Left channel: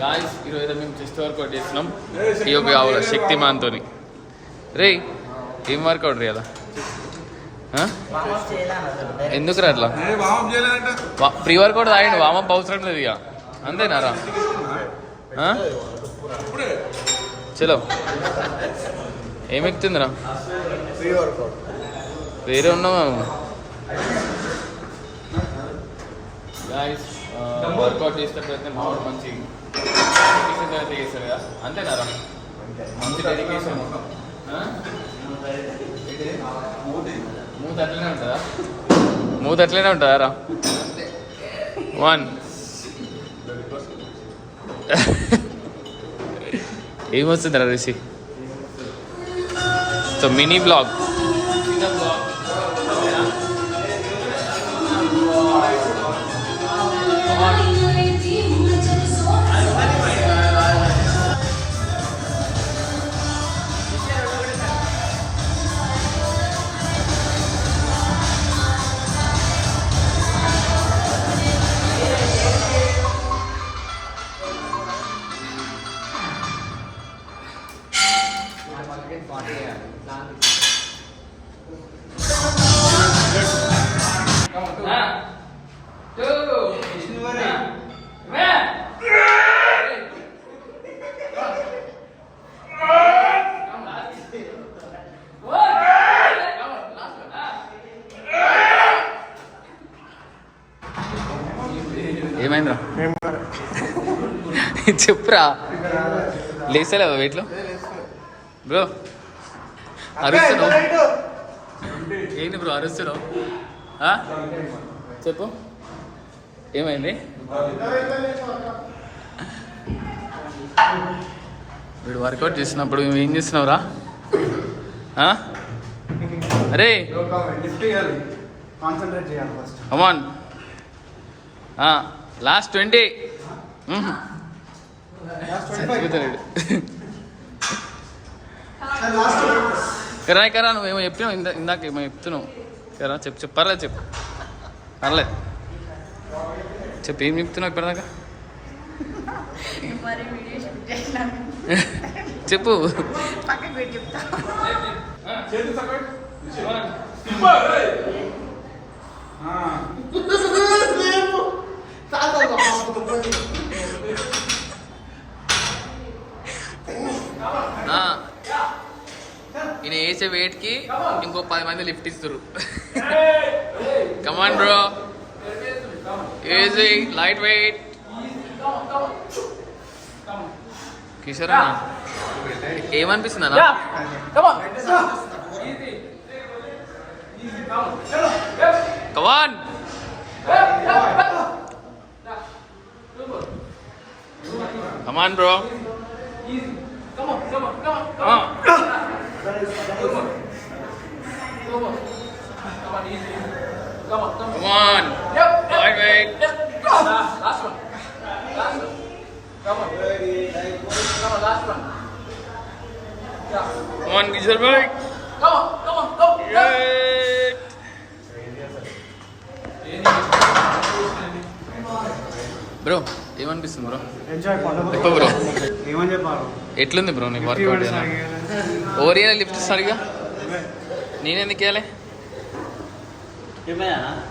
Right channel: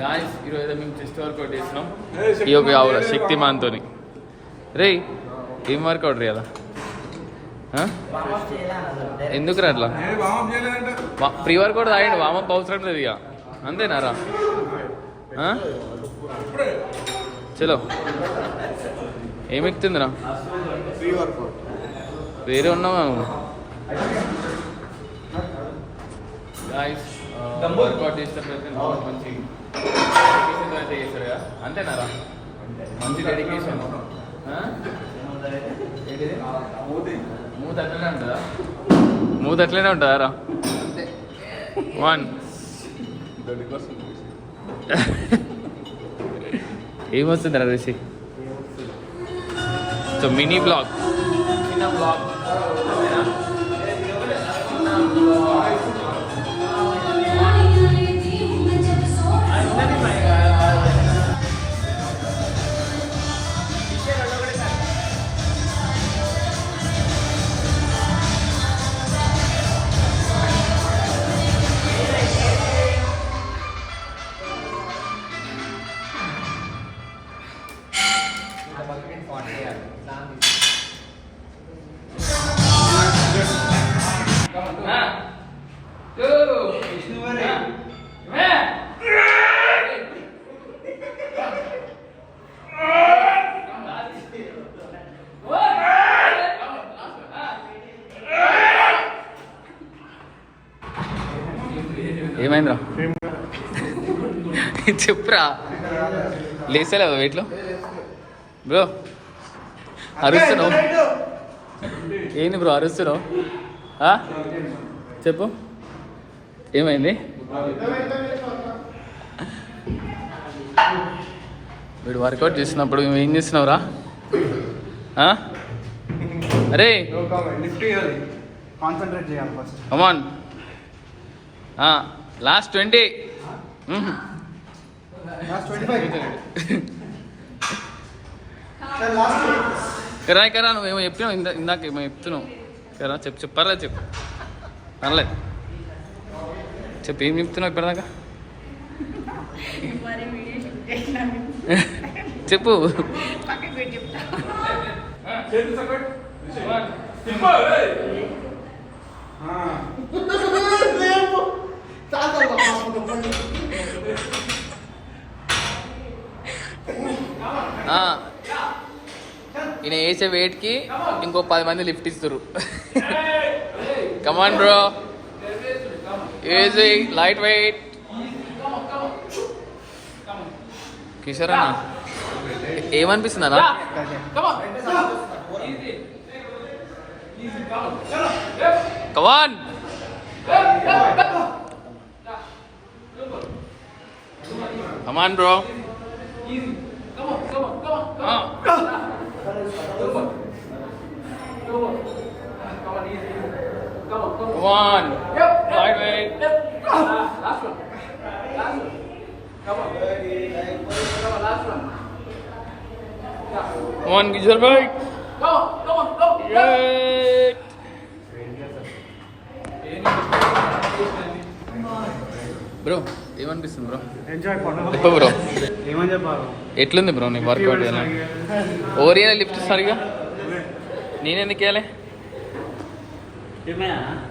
Guys ఈరోజు మేము chest workout చేస్తున్నాం ఈ యొక్క ఆవుల శక్తిమాన్తో. రే ఏం వర్కౌట్ రే అలా ఎందుకు రా అట్లా? ప్రీ వర్కౌట్ తాగండి, వామప్ అవసరం లేదు ఇక, అంతేనారా? చలో ఏమి ఎక్కుతుందిరా? వేరే ఉన్నాము గాయస్. వర్కౌట్ చేసేటప్పుడు అయితే మామూలు మంచి డెడికేషన్ అయితే చేస్తారు కదా, అంతేనారా? మంచి డెడికేషన్. మూత అట్లనే ఉంటుందా? మూత అట్లనే ఉంటుందా రా? 1 ఏమొస్తుందిరా రిషి? సో మినీ బ్లాగ్, చిన్న బ్లాగ్. ఏమైందిరా? చెప్పురా, లేసలేవా వెయిట్లో? బ్రో అరుస్తున్నావు ఏంది బ్రో అరుస్తున్నావు? చెప్పు ఏమైంది? వీడు వర్కౌట్ చేసినప్పుడు మేము ఏం చేస్తున్నావురా? అరే కమాన్, లాస్ట్ 20. కరా కరా నువ్వేమో చెప్పినావు ఇందాక ఏమో చెప్తున్నావు కరా. చెప్పు పర్లేదు, చెప్పు పర్లేదు, చెప్పు ఏం చెప్తున్నావు ఇప్పటిదాకా? చెప్పు. ఈయన వేసే వెయిట్కి ఇంకో 10 మంది లిఫ్ట్ ఇస్తారు. Come on bro, easy light weight. Kishore అన్న ఏమనిపిస్తుంది అన్న? Come on come on bro. Come on. Light weight. Last one. Come on. Last one. Come on, Kishore bhai. Come on. Great. Bro ఏమనిపిస్తుంది బ్రో? చెప్పు బ్రో, ఎట్లుంది బ్రో నీ వర్కౌట్? ఓరియా lift సరిగా నేనెందుకు వేయాలి?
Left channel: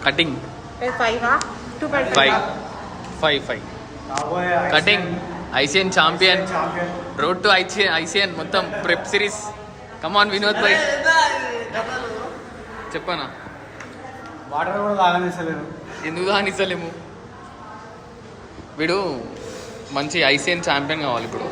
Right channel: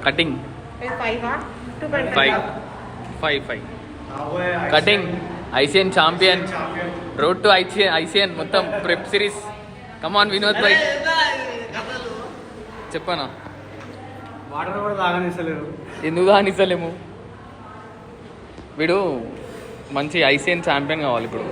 Cutting 5 cutting ICN champion, road to ICN మొత్తం prep series. Come on Vinod bhai, చెప్పనా? ఎందుకు దానిస్తలేము? వీడు మంచి ఐసిఎన్ ఛాంపియన్ కావాలి ఇప్పుడు.